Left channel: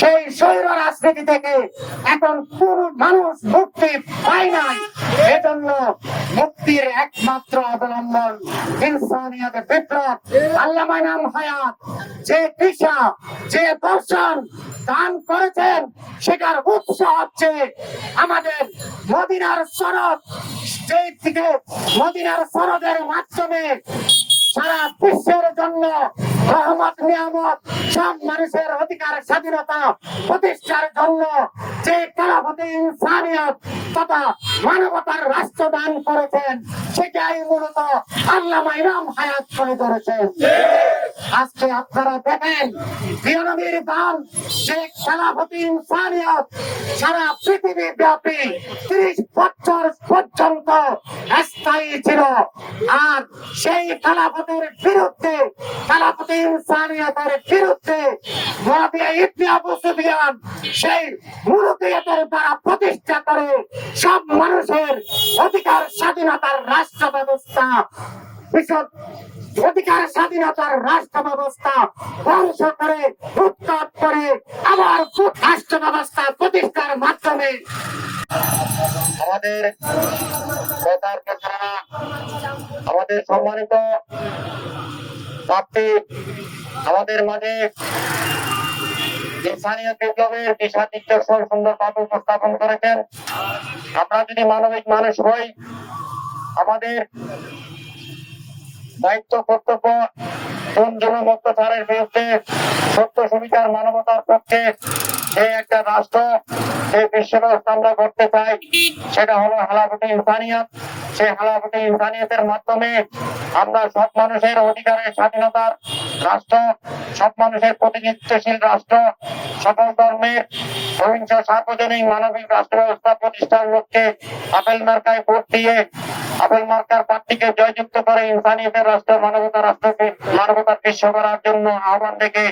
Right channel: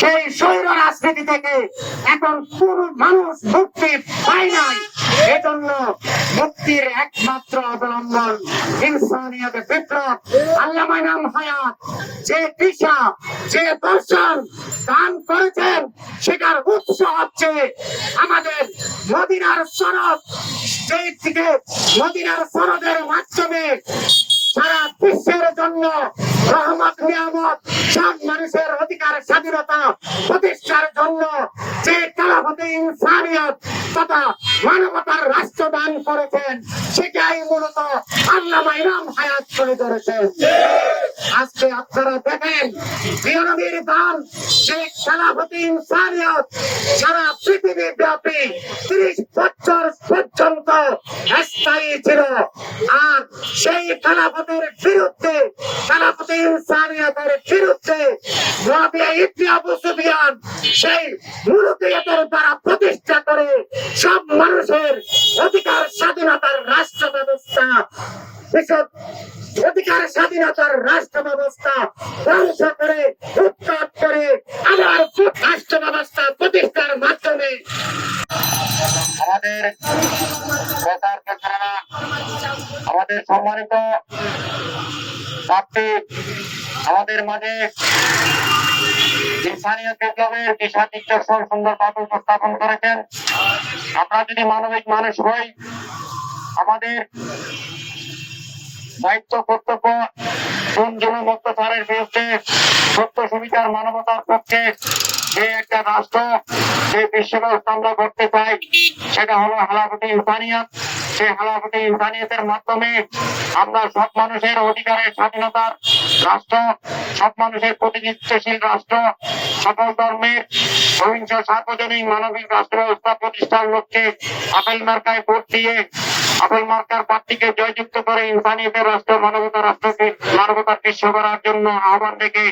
সেই স্বৈর রাজনীতি থেকে এখন কোন মানুষ মুক্তি পায় নাই। এজন্য মুক্তির একমাত্র অবলম্বন ইনসানিয়ত বিপ্লব। আল্লামা ইমাম হায়াত যে দিশা, যে দর্শন দান করেছেন, সেটার উৎস হচ্ছে আমাদের মদিনার সনদ। সেই থেকে মদিনার সনদের মাধ্যমে সারা বিশ্বের জন্য রহমত নিয়ামত সব মানুষের অধিকার স্বাধীনতা প্রতিষ্ঠার জন্য যে খেলাফতে ইনসানিয়ত তথা মানবতার রাষ্ট্র দান করেছেন, সেটাই মূলত আল্লামা ইমাম হায়াত করে করেছেন। আজকে আপনারা দেখেন বিরোধীর দান সেই খেলাফতে ইনসানিয়ত সারা পৃথিবী ব্যাপী 30 বছর পর্যন্ত স্থায়ী ছিল। আর সেই খেলাফতের বিরুদ্ধে, খেলাফতে ইনসানিয়তের বিরুদ্ধে মুআবিয়া ইবনে আবু সুফিয়ান সেই মুলুকিয়াতের দ্বারা প্রতিষ্ঠা করে সব মানুষের অধিকার স্বাধীনতার রাষ্ট্র ব্যবস্থা, অধিকার স্বাধীনতার রাষ্ট্র ব্যবস্থা ধ্বংস করে উৎখাত করে আবার রাষ্ট্র ব্যবস্থা প্রতিষ্ঠার মাধ্যমে আমাদের আমাদের সম্মানিত আমাদের মাঝে ইনসানিয়ত বিপ্লবের দিশা নির্দেশন সুন্দরভাবে উপস্থাপন করেছেন। আমরা যদি মানবিক মানুষ হই, আমাদের দায়িত্ব কর্তব্য জুলুম অত্যাচারের বিরুদ্ধে সত্য সুবিচার মানবতার পক্ষে যে একটা রাষ্ট্র, যে বিশ্ব ব্যবস্থা আমরা করতে চাই, সেটা হলো খেলাফতে ইনসানিয়ত। সেই খেলাফতে ইনসানিয়তের মাধ্যমে আমরা সব মানুষের অধিকারের স্বাধীনতার রাষ্ট্র, সব মানুষের প্রতিনিধিত্বশীল রাষ্ট্র, সকল ধর্মের সহিংস সার্বজনীন মানবিক রাষ্ট্র ব্যবস্থা প্রতিষ্ঠার লক্ষ্যে আপেল মার্কায় ভোট দিয়ে আপেল মার্কার প্রার্থীকে জয়যুক্ত করে ইনসানিয়তের রাষ্ট্র, মানবতার রাষ্ট্রকে মানবতার বিশ্ব করার জন্য আহ্বান রেখে